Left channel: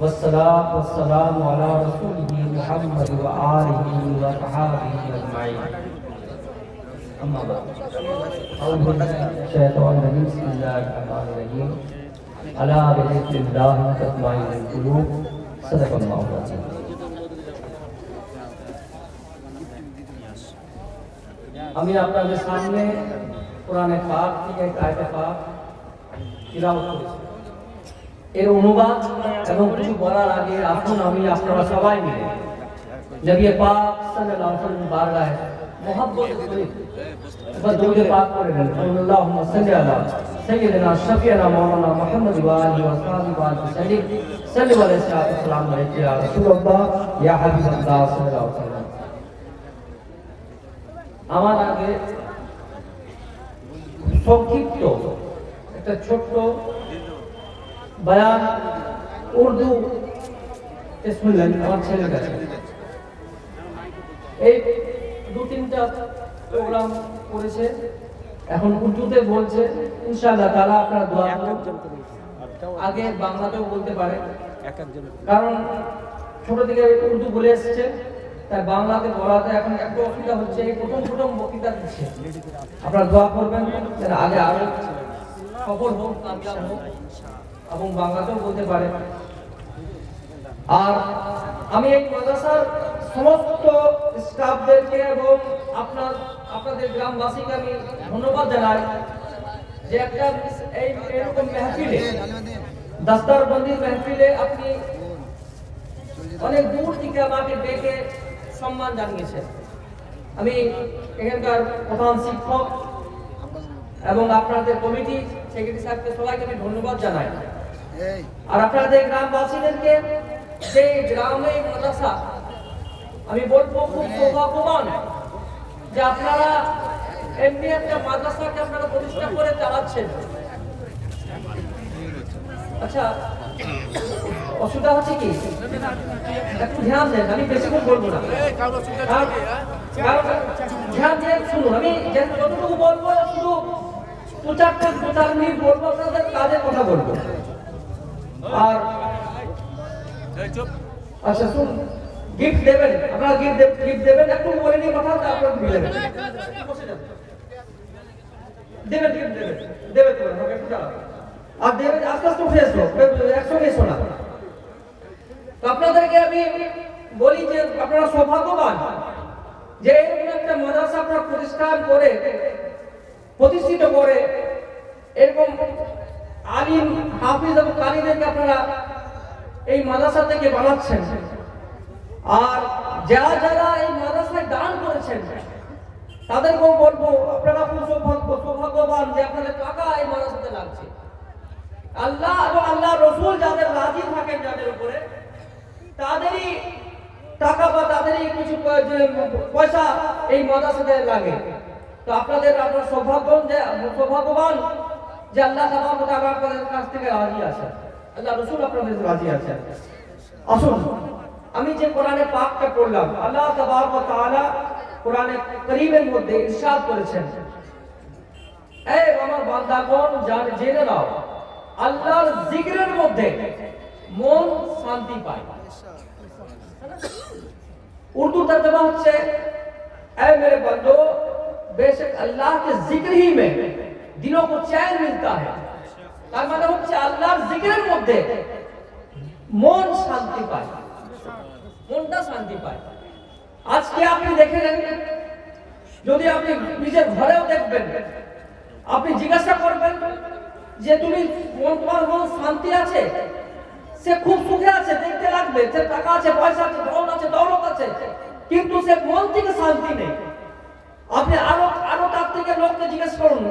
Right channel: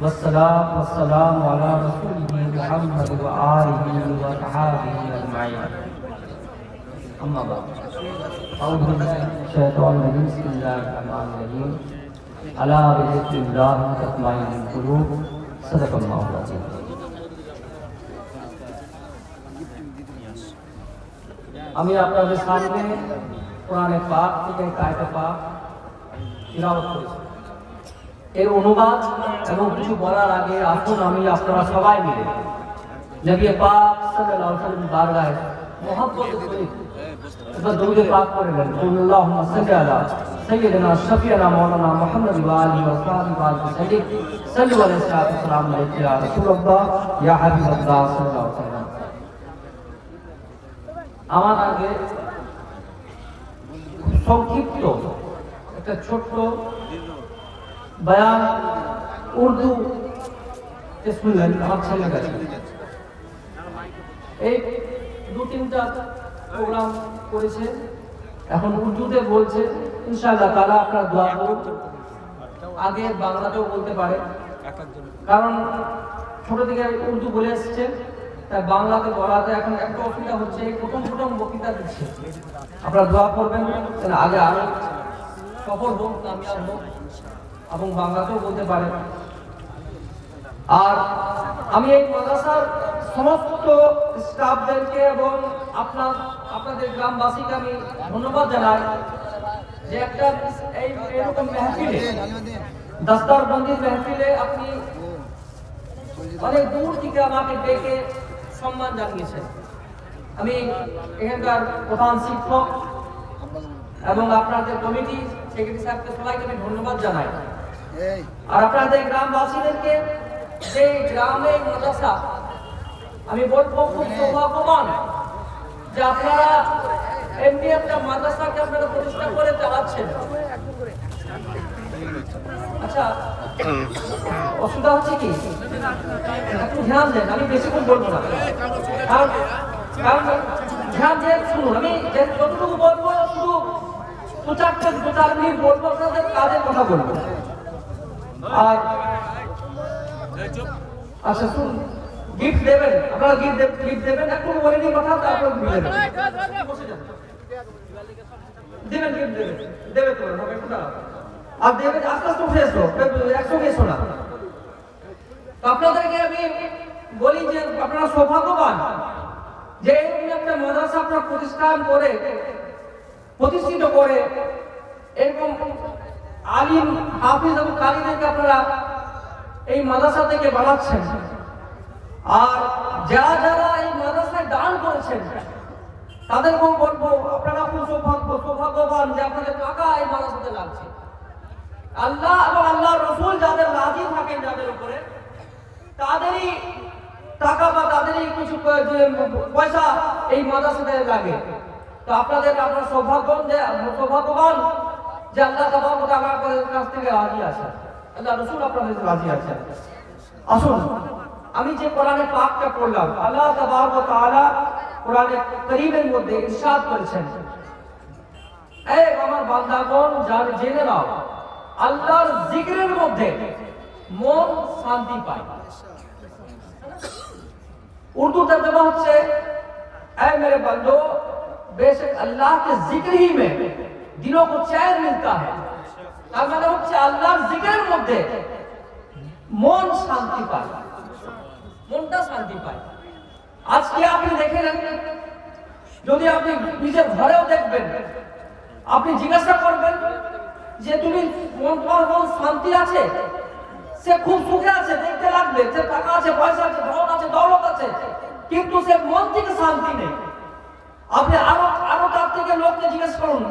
والصلاة والسلام على رسوله محمد وآله وصحبه أجمعين أما بعد أعوذ بالله من الشيطان الرجيم بسم الله الرحمن الرحيم ألا بذكر الله تطمئن القلوب صدق الله العظيم আমি আপনাদের সামনে কোরআনে পাক থেকে আয়াতে পাক তিলাওয়াত করেছি। এর অনুবাদ এবং কিছু বলার আগে আসুন আমি আপনারা সবাই মিলে নবী পাক সাল্লাল্লাহু আলাইহি ওয়াসাল্লাম বারগাহে মুহাব্বত করে একবার দরুদ পাক করে নেন। আল্লাহুম্মা সাল্লি আলা সাইয়্যিদিনা শাফিয়ানা মাওলানা মুহাম্মদ ওয়া আলিহি ওয়া সাহবিহি ওয়া সাল্লিম সাল্লাল্লাহু আলাইহি ওয়া সাল্লাম ইয়া রাসূলুল্লাহ ইয়া হাবিবাল্লাহ সাল্লাল্লাহু আলাইহি ওয়াসাল্লাম। আমার আগে সংক্ষিপ্ত একটা ছোট্ট বয়ান উর্দু শুনলেন আমার ছেলের কাছে। এই দু তিনটা প্রোগ্রাম করেছে, এখন উর্দুতে বলছে। ইনশাআল্লাহ তাআলা আপনারা দোয়া করুন। আগে বাংলাতেও বলতে পারে, কারণ ছোট থেকে উর্দু বলে এসছে, তাই বাংলাতে বলাতে এখন একটু অসুবিধা হচ্ছে। এই প্রথম বক্তৃতা দিচ্ছে, আপনারা দোয়া করবেন যেন আগে আরো সফল হোক, কামিয়াব হোক এবং বাংলাতেও বলতে পারে। আর আমি এই মাদ্রাসার সমস্ত স্টাফদেরকে এবং আপনাদের গ্রামবাসীকে আমি ধন্যবাদ জানাই যে একটা এরকম মেহফিলে, দাস্তারবন্দির মেহফিলে আপনি অনেক দূর থেকে আমাকে ডেকে সম্মান জানিয়েছেন। আমি এখানকার প্রধান শিক্ষক এবং আপনাদের কমিটি সেক্রেটারি সাহেবকে সবাইকে আমি ধন্যবাদ জানাই। আর আপনাদের গ্রামবাসীদেরকে, যে গ্রামে মাদ্রাসা, আমি বলবো খুব সৌভাগ্যবান যে আপনারা এমনি একটা মাদ্রাসাকে আপনারা প্রতিষ্ঠা করে চালাচ্ছেন। আচ্ছা, অসুবিধা হচ্ছে কি? একটু ধ্যান দেন, আমি বেশিক্ষণ বলবো না, কারণ ধ্যান দিয়ে শুনুন। আমি যতটুকু বলবো শুধু দু চার মিনিট বলবো, আপনাদের কাজের কথা বলবো। আর আচ্ছা শুনুন, গিফট দেবেন আপনারা, গিফট দেবেন, একটু বলে নিয়ে কথা, তারপর দেবেন, দেবেন গিফট দেবে তো হবে একটু দাঁড়ান। আর দেবেন আস্তে আস্তে উঠে এসো, একসঙ্গে এসো না। তো আপনাদেরকে আমি বলি যে আপনারা সৌভাগ্যবান যে এরকম একটা মাদ্রাসা আপনারা প্রতিষ্ঠিত করে এরকম আলিম, হাফিজ এবং কারীদেরকে আপনারা এই মাদ্রাসা থেকে বানাচ্ছেন। আর যারা এই মাদ্রাসায় দান করেছেন তাদেরকেও বলবো আপনারা খুব সৌভাগ্যবান যে আপনাদের টাকা এই মাদ্রাসাতে লাগছে। আল্লাহ এবং আল্লাহ রসুল যাদের রাজি থাকেন যাদের উপরে, তাদেরই টাকা বা তাদেরই কিছু পয়সা এই মাদ্রাসাতে লাগে। তো আপনারা সৌভাগ্যবান যে আল্লাহ তাবারক ওয়া তাআলা আপনাদের কাছ থেকে রাজি আছেন, আল্লাহ রসুল আপনাদের রাজি আছেন। আসুন, আমি যে কোরআনে পাকটা পড়লাম, আল্লাহ তাবারক ওয়া তাআলা কোরআনে কারীমের মধ্যে ইরশাদ করেছেন, এই আমার বান্দাগণ জেনে নাও, আল্লাহর জিকিরের মধ্যে মন শান্তি পায়। उर्दू तर्जुमा হচ্ছে, ऐ मेरे बंदो बेशक अल्लाह के जिक्र ही में दिलों को चैन मिलता है। তার মানে হচ্ছে আল্লাহর জিকিরের মধ্যে মন শান্তি পায়, মনটা শান্তি পায়। আজকে আপনি দেখেন, যদি আপনি নিজের ঘরেও দেখবেন, আপনি জিজ্ঞাসা করবেন যে তোমার মন শান্তি আছে? সে খুব সুখে আছে, দেখতে লাগবে, সে টাকা আছে, পয়সা আছে, ধন আছে, দৌলত আছে, কিন্তু সে মন থেকে শান্তি নেই। আপনি আরো তার থেকে লোককে জিজ্ঞেস করুন,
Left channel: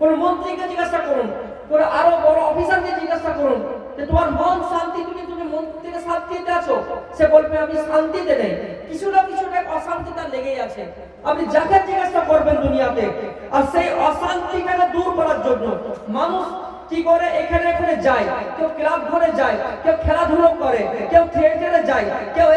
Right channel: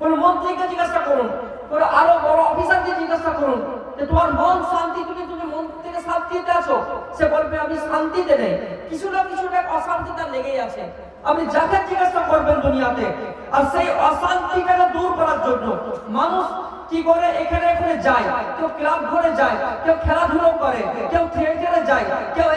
কোন মন্ত্রীকে জিজ্ঞাসা করুন, কোন আরো বড় অফিসারকে জিজ্ঞাসা করুন যে তোমার মন শান্তি, তুমি মন থেকে শান্তিতে আছো? সে বলবে আমি শান্তিতে নেই, কিছু না কিছু অশান্তি তার লেগেই আছে। আপনি যাকে জিজ্ঞাসা করবেন দুনিয়াতে, আর সেই অশান্তিকে দূর করার জন্য মানুষ কি করে এখানে যায়, কেউ ক্লাব ঘরে যায়, কেউ খেলাধুলো করে, কেউ থিয়েটারে যায়, কেউ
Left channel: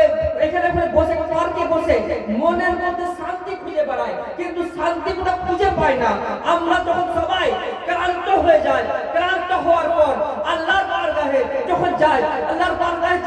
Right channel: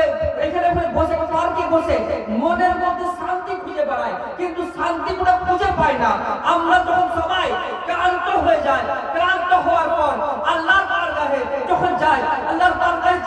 এখানে বসে পার্কে বসে মনের মধ্যে শান্তি খুঁজে বেড়ায়, কিন্তু শান্তি পুরো খুঁজে পায় না। আমরা যখন সবাই ক্লান্ত হয়ে যায়, ক্লান্ত হওয়ার পর আল্লাহর বারগাহে যখন যায়, আল্লাহর বারগাহে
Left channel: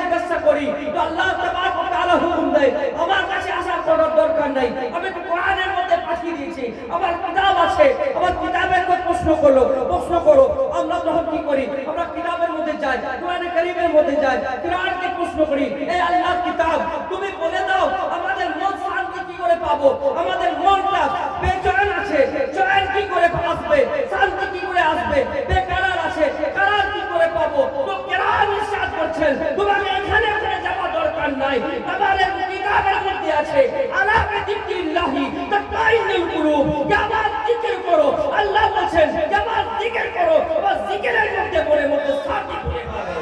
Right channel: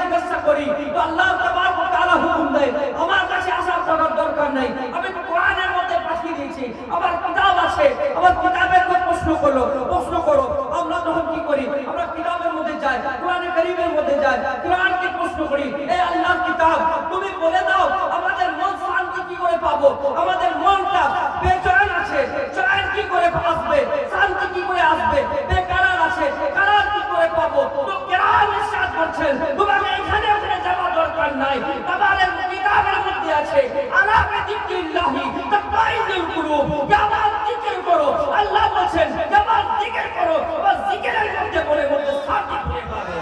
নাই, আমি তো কোরআনের মধ্যে পাঠিয়ে দিয়েছি, আমার কিতাব আছে, আমার কিতাবের মধ্যে প্রশ্ন করো। আমরা তখন কি করি? আমরা কিতাবের মধ্যে যাই, কোরআনে কারীমের মধ্যে যাই, কোরআনকে প্রশ্ন করি, এই আল্লাহর কিতাব তুমি বলে দাও আমাদের মন শান্তি কি করে পাবো? আমাদের মনটা বেচৈন আছে, চয়ন কি করে আসবে? শান্তি কি করে আসবে? বেকারার আছে, কারার কি করে পাবো? তো কোরআন ইরশাদ করছেন তোমাকে এখানে যাওয়া দরকার নাই, তোমাদের কিতাবের মধ্যে আছে আলা বিযিকরিল্লাহি তাতমাইন্নুল কুলুব, আমার জিকির করো। আল্লাহ বলেন আমার জিকির করো, আর জিকিরের মধ্যে মনের মধ্যে শান্তি খুঁজে পাবে।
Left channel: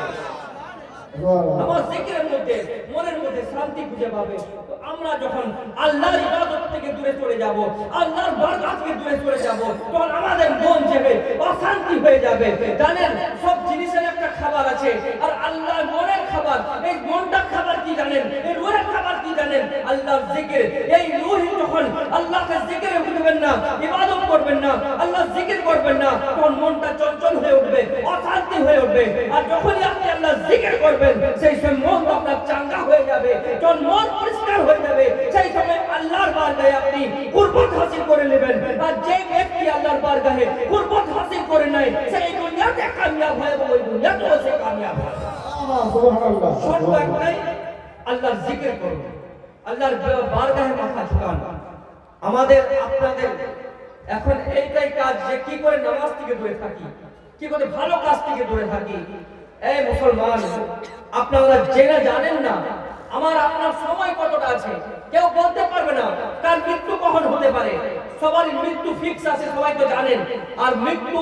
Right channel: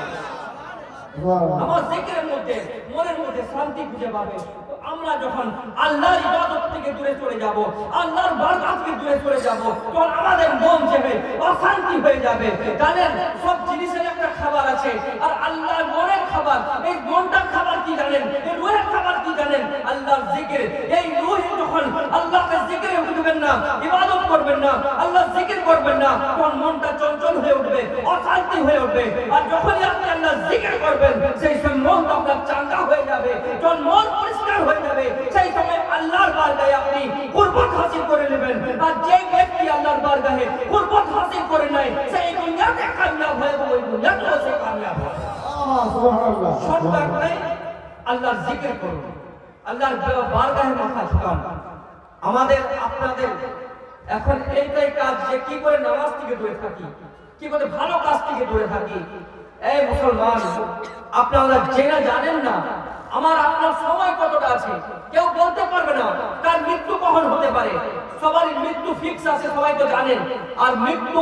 আমার জিকিরের মধ্যে মনের মধ্যে শান্তি খুঁজে পাবে। তো আমরা যখন আল্লাহর ইবাদত থেকে দূরে চলে যাব, আল্লাহর বরকত থেকে দূরে চলে যাব, তখন আমাদের মন যাবে অশান্তি হয়ে যাবে। জানেন সব জিনিসের একটা খাবার আছে, আর আল্লাহর মনের খাবার, এই মনটার খাবার কি জানেন? এই রূহের খাবার কি জানেন? আল্লাহর জিকির। এই রূহ যখন আল্লাহকে জিকিরে উঠবেন না, ইবাদত করবেন না, আল্লাহর জিকির করবেন না, তখন মনটা চঞ্চল হয়ে উঠবে, অশান্তি হয়ে উঠবে। আর যখনই আপনি আল্লাহর জিকির করবেন, সেই সময় মন আপনার চাঙ্গা হয়ে যাবে, যখন মন পরিষ্কার হয়ে যাবে, সেই সময় আল্লাহর বারগাহে আপনি কুরবত হাসিল করে নেবেন। আর যে ব্যক্তি আল্লাহর বারগাহে কুরবত হাসিল করে নেয়, সেই দুনিয়াতে কামিয়াব হয় এবং ওই দুনিয়াতেও সে কামিয়াব হয়। সুবহানাল্লাহ। শর্ত নাই, আল্লাহর জিকির করুন, আল্লাহর বারগাহে মাথা ঝুঁকান। আমাদের আপনাদের এখন এইটাই কাজ যে কি করে নামাজ থেকে দূরে থাকি, কি করে ভালো কাজ থেকে দূরে থাকি। এই মুসলমান, আপনারা জেনে জানেন না আমার আপনার সময় কতটা আছে, কেউ বলতে পারবে না তার মৃত্যু কখন হতে পারে। সবার মৃত্যু ফিক্স আছে, সবাই তো জানেন। আর মৃত্যু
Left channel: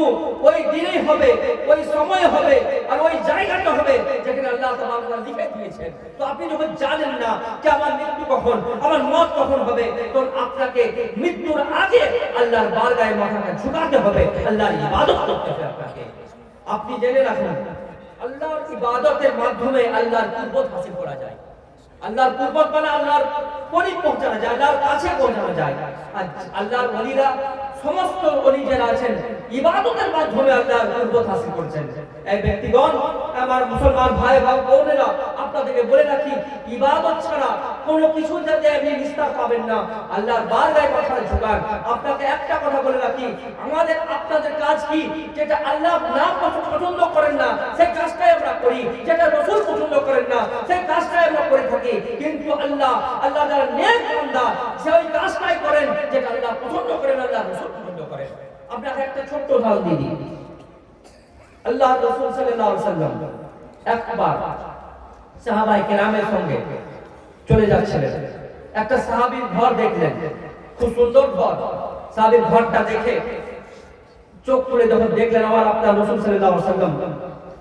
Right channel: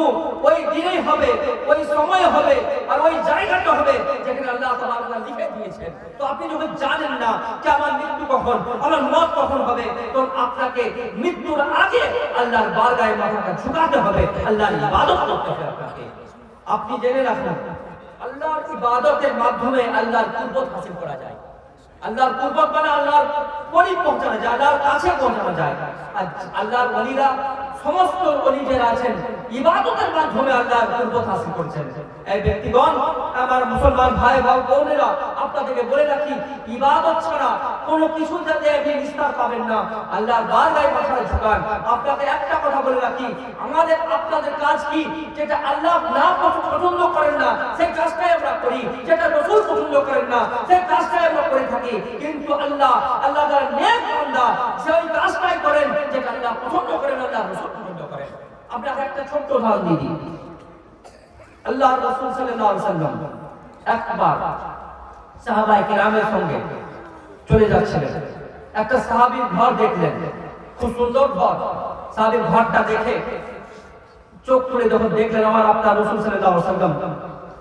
ওই দিনেই হবে, ওই সময় হবে, আর ওই জায়গাটা হবে যেখানে আল্লাহ তাআলা লিখে দিয়েছেন। তো আপনি যখন জানেন না যে আমার মৃত্যু কখন, আমার মত কখন হবে, তখন আপনাকে মৃত্যুর আগে আল্লাহর বারগাহে মাথাটা ঝুঁকাতে হবে, আল্লাহর ইবাদত করতে হবে আপনাকে। আপনি জেনে রাখুন আল্লাহর ইবাদতের মাধ্যমে আল্লাহর কুরবত হাসিল করা যায়। আল্লাহর কুরবত মানে আল্লাহর করিব পৌঁছানো যায়, আল্লাহর কাছে পৌঁছানো যায়। আর আল্লাহর ওলিরা, সমস্ত ওলি যারা আছেন, ইবাদতের মাধ্যমে আল্লাহর কুরবত হাসিল করছেন। এই ব্যক্তিগণ, আমার মুসলমান ভাই বোনেরা, আপনাদেরকে বলে রাখি, ইবাদত ছাড়া কোনো কিছু যাতে আপনি নিস্তার পাবেন না। আল্লাহর বারগাহে মাথা ঝুঁকান। আপনাকে একটা কথা বলে রাখি, আপনাদের কাজ কি? যেটা আল্লাহ না পছন্দ করেন না সেই কাজটাই আমরা করি, যেটা রাসূল পছন্দ করেন না সেই কাজটাই আমরা করে থাকি। কিন্তু আল্লাহ যারা নেক বান্দা, সেই কাজটাই করেন যেটা আল্লাহ পছন্দ করেন, আল্লাহ রাসূল পছন্দ করেন। আপনাকে একটা ছোট্ট উদাহরণ দিই। আল্লাহ রাসূল সাল্লাল্লাহু আলাইহি ওয়াসাল্লাম একবার সাহাবায়ে কেরামের সঙ্গে চলে যাচ্ছিলেন। একটা সাহাবীর ঘর দেখলেন, খুব সুন্দর ঘর। সাহাবীর ঘরটা দেখে চোখ তুলে যখন দেখলেন আমার আপনার রাসূল সাল্লাল্লাহু আলাইহি ওয়াসাল্লাম,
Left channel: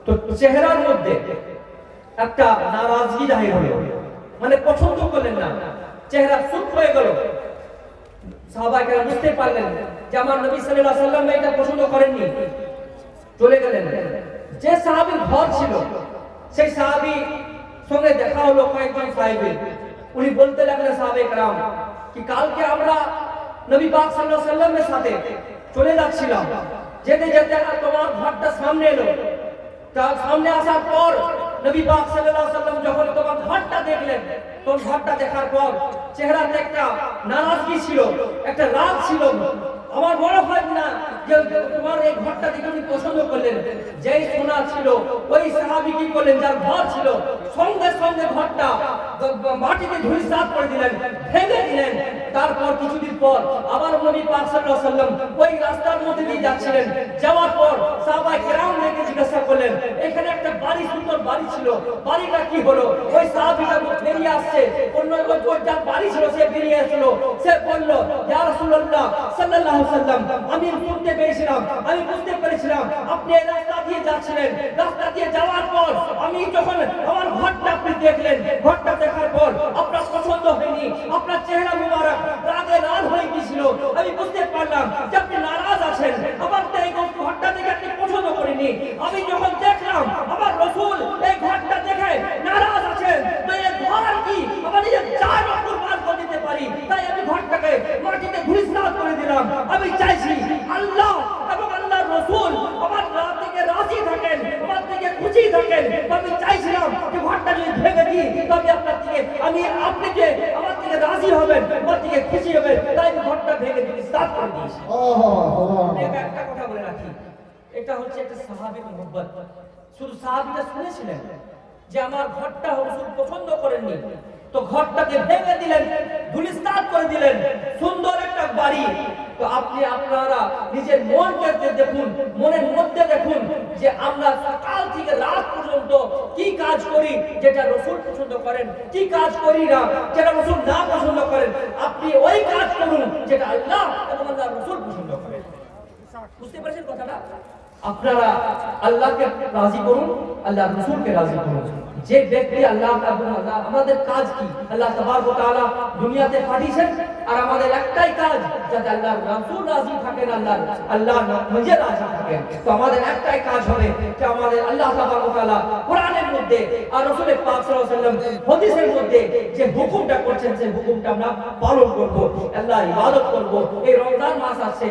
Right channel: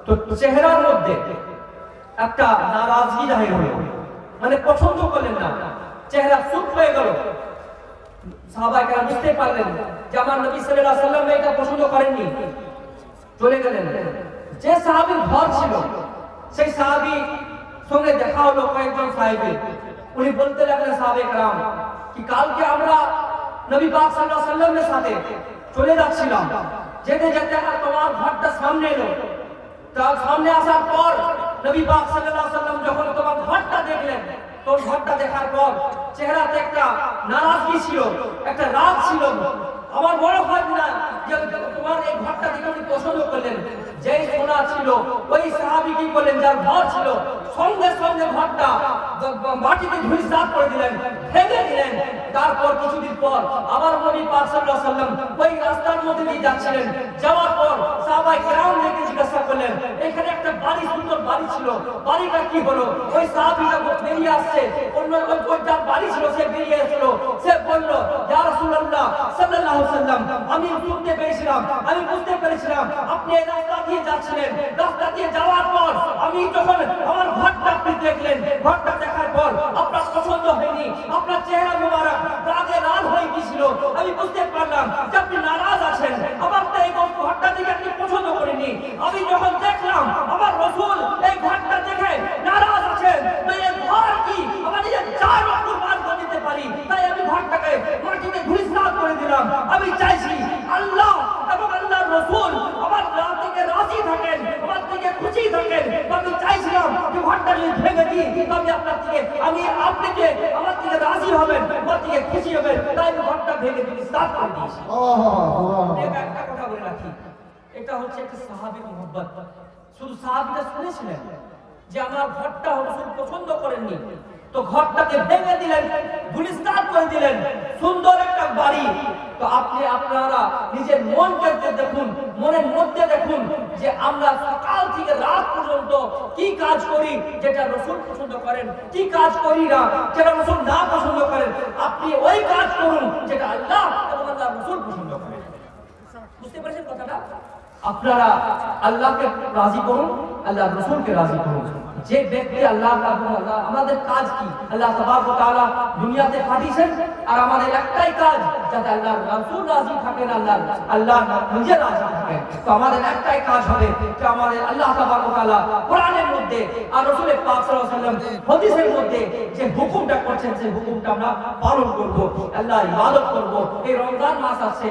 তো চেহারার মধ্যে একটা নারাজগি জাহির হলো, মানে পছন্দ করলেন না, চেহারা সুখ হয়ে গেল। সাহাবায়ে কেরাম বুঝতে পারলেন যে আমার নবী সাল্লাল্লাহু আলাইহি ওয়াসাল্লাম এটা পছন্দ করেননি, চলে গেলেন। যে সাহাবীর ঘর ছিল সেই সাহাবী সঙ্গে দেখা হলো কয়েকজন সাহাবীর। উনি বলতে লাগলেন সাহাবায়ে কেরাম কি কালকে আমরা নবী পাক সাল্লাল্লাহু আলাইহি ওয়াসাল্লামের সাথে চলে যাচ্ছিলাম, যেতে যেতে তোমার ঘরটা সামনে এলো। তার সামনে আসার পর নবী পাক সাল্লাল্লাহু আলাইহি ওয়াসাল্লাম যখন তোমার ঘরটা দেখলেন, তো ঘরটা দেখার পর চেহারাতে একটা নারাজগি ছিল, একটা রাগ ছিল। আমার মনে হয় না যে তোমার এই ঘরটা দেখে উনি পছন্দ করলেন। যেই সোনা ছিল ওই সাহাবী কি করলেন, যার ঘর ছিল সঙ্গে সঙ্গে ঘরটা মাটিতে ধুলিসাৎ করে দিলেন, ভেঙে দিলেন। তারপর কিছুদিন পর আবার নবী পাক সাল্লাল্লাহু আলাইহি ওয়াসাল্লাম ওই রাস্তার মধ্যে দিয়ে যাচ্ছিলেন। যাওয়ার পর সাহাবায়ে কেরাম দেখে জিজ্ঞাসা করলেন, এখানে একটা বাড়ি, সুন্দর বাড়ি ছিল, বাড়িটা কি হলো? ওই সাহাবীটা বেরিয়ে আসছে, অন্য ওই যার বাড়ি ছিল সে বেরিয়ে আসলো। সে বলল, ইয়া রাসূলুল্লাহ সাল্লাল্লাহু আলাইহি ওয়াসাল্লাম, আমি শুনতে পেয়েছিলাম, আমি বুঝতে পেরেছিলাম আপনি এই রাস্তা দিয়ে যাচ্ছিলেন। রাস্তা দিয়ে যাওয়ার পর আমি যখন আমার ঘরটা আপনি দেখলেন, ঘরটা দেখার পর আপনার পছন্দ হয়নি, আপনার চেহারা মুবারক রাগে লাল হয়ে গিয়েছিল। আমি বুঝতে পারলাম যে আপনি নারাজ আছেন, আমার তো এই ঘরটা দেখে আপনি পছন্দ করেনি। আমি যখন দেখলাম আমার রাসূল এই ঘরটা দেখে নারাজ আছেন, তো এই ঘর কি আমার নিজের চার রকম বার করে দিতে পারি, তাই আমি ঘরটাকে মাটিতে ধুলিসাৎ করে দিলাম। আমি চাইছি আল্লাহ এবং আল্লাহর রাসূল আমার থেকে রাজি থাকেন, আমার থেকে খুশি থাকেন। আমি চাইছিলাম যে ঘরটা যদি ভেঙে দিই, তবে আপনার থেকে আমি আপনাকে আমার থেকে রাজি হবেন, আমার থেকে খুশি হবেন, তাই আমি ঘরটা ভেঙে দিতে স্টার্ট করে দিয়েছি। একটা কথা বলে রাখি, এটা হচ্ছে একটা সাহাবীর মুহাব্বত। শুধু সাহাবীরা শুনেছিলেন যে আমার ঘরটা হুজুর পছন্দ করেননি, তো ঘরটাকে ভেঙে দিলেন, গুলিস্তান করে দিলেন, সুন্দর একটা বাড়ি। তো আপনি আপনারা নিজের মনকে দেখুন, মনের মধ্যে দেখুন যে আমরা সকাল থেকে রাত পর্যন্ত কি কাজ করি যেটা রাসূল পছন্দ করেন, কি কাজ করি না যেটা রাসূল না পছন্দ করেন। আপনি ওই কাজ করুন যেটা আল্লাহ এবং আল্লাহর রাসূল পছন্দ করেন। বুঝতে পারছেন কথাটা? আপনারা আল্লাহকে রাজি করুন, আল্লাহর রাসূলকে রাজি করুন। যে ব্যক্তি আল্লাহ তাআলা, আমাদের কাজ কি? আল্লাহ তাবারক ওয়া তাআলা দুনিয়াতে পাঠিয়েছেন, আর আমাদের একটাই কাজ যাতে আল্লাহর রাসূল রাজি থাকেন, আল্লাহ নিজে রাজি থাকেন। তো আমাদের একটাই কাজ হবে যে আমাদের আল্লাহ তাবারক ওয়া তাআলা কোরআনের মধ্যে আর রাসূলের পাক সাল্লাল্লাহু আলাইহি ওয়াসাল্লাম হাদিসের মধ্যে যে হুকুমটা করছেন সেই হুকুমটা আমরা পালন করব, আল্লাহর ইবাদত করব। এই রমজান মাস আছে,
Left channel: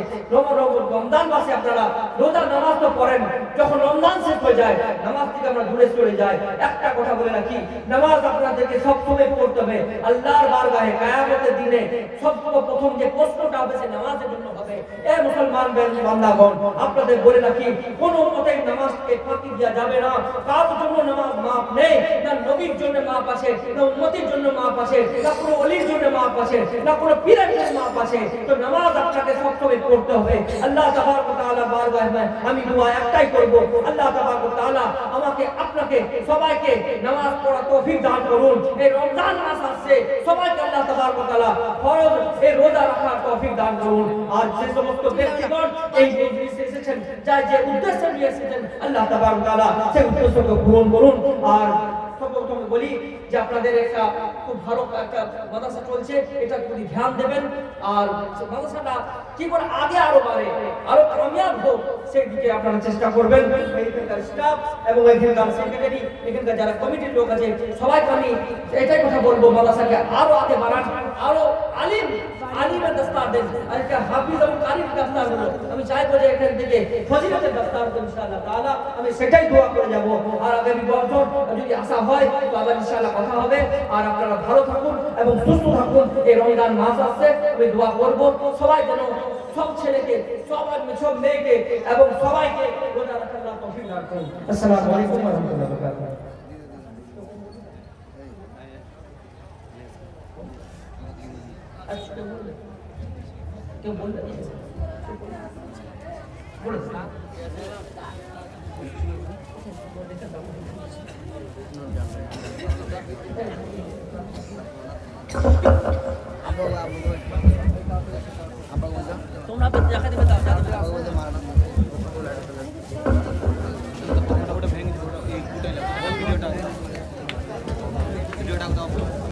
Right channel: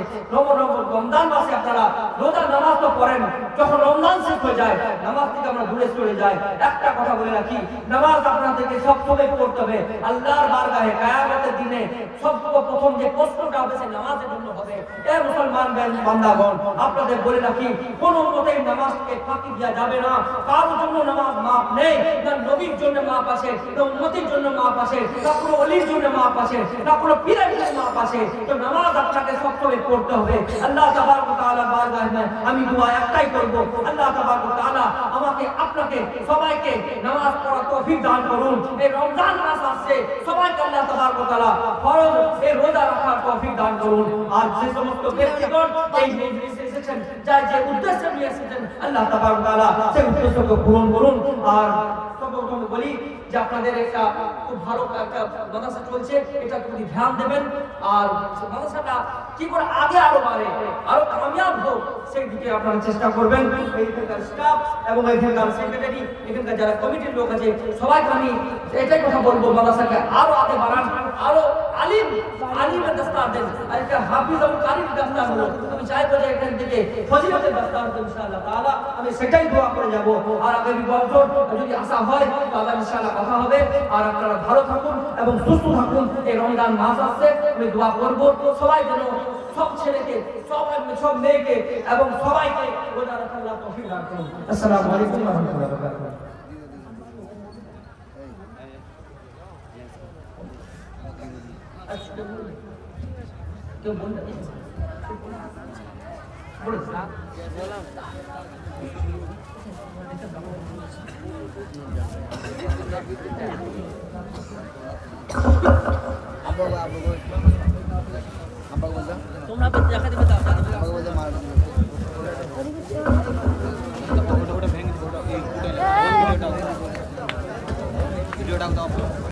রমজান মাসে আপনারা রোজা নামাজ তো পড়েন, যখন রমজান শেষ হয়ে যায় নামাজ থেকে আমরা দূরে চলে যাই। একটা কথা বলে রাখি, নামাজ আপনাদেরকে সবসময় পড়তে হবে। আল্লাহর বারগাহে কিয়ামতের দিনে সবচেয়ে প্রথম যে প্রশ্নটা হবে সে নামাজের জন্য হবে। এ মুসলমান বান্দাগণ, আপনাদের বলে রাখি, কোন মতেই নামাজকে ফাঁকি দেওয়া যাবে না। কারোর জন্য নামাজ মাপ নেই, না নবীর জন্য মাপ আছে, না উম্মতের জন্য মাপ আছে, না কোনো ওলির জন্য মাপ আছে, না কোনো পীরের জন্য মাপ আছে। তো নামাজ আপনাকে সবসময় পড়তে হবে। আল্লাহ তাবারক ওয়া তাআলার বারগাহে আমি দোয়া একটাই করব, আল্লাহ তাবারক ওয়া তাআলা আমাকে আপনাকে সবাইকে নামাজ পড়ার তৌফিক দান করুন। এই রমজান মাস আসছে, সবাইকে আল্লাহ তাবারক ওয়া তাআলা ফরজ এই রোজা রাখার তৌফিক দান করুন। আর যে সমস্ত ব্যক্তিগণ এই মজলিসে এসেছেন, যাই যে উদ্দেশ্যে নিয়ে এসেছেন, আল্লাহ তাবারক ওয়া তাআলা সেই উদ্দেশ্যকে পূরণ করুন। আর সর্বপ্রথম বলি যে আপনাদের একটা খুব ভালো একটা মাদ্রাসা চলছে, এটা যদি ধ্যান দেবেন আর মাদ্রাসাটা কি করে আগে আরো বাড়ে, আরো কামিয়াব হোক, সেই দিকে আপনারা চেষ্টা করবেন। এখানকার স্টাফ এবং এখানকার সেক্রেটারি, এখানকার যারা কমিটির লোক আছে, সবাইকে আমি এটাই কথা বলবো, মাদ্রাসাকে আরো আগে বাড়ান, আরো আলিমের দস্তার দেন, আর একটা হাফিজ এবং কারির দস্তার হলো। আমি চাইবো যে এখান থেকে ফজিলতের দস্তার হতো ইনশাআল্লাহ তাআলা। আমি সেটাই দোয়া করে যাব। আর আগামী বছর যদি আশা হয় তো আবার ইনশাআল্লাহ কথা হবে। আর আপনারা ভালো থাকুন এবং সুস্থ থাকুন। এই রমজান মাস আসছে, আমি দোয়া করব সবাই যেন সব ছেলেকে, সব মেয়েকে এবং সবাইকে রোজা রাখার আল্লাহ তৌফিক দান করুন। আসসালামু আলাইকুম ওয়া রাহমাতুল্লাহি ওয়া বারাকাতুহু। কেউ বলবে তোমরা দেখা দিবে ভিডিওটা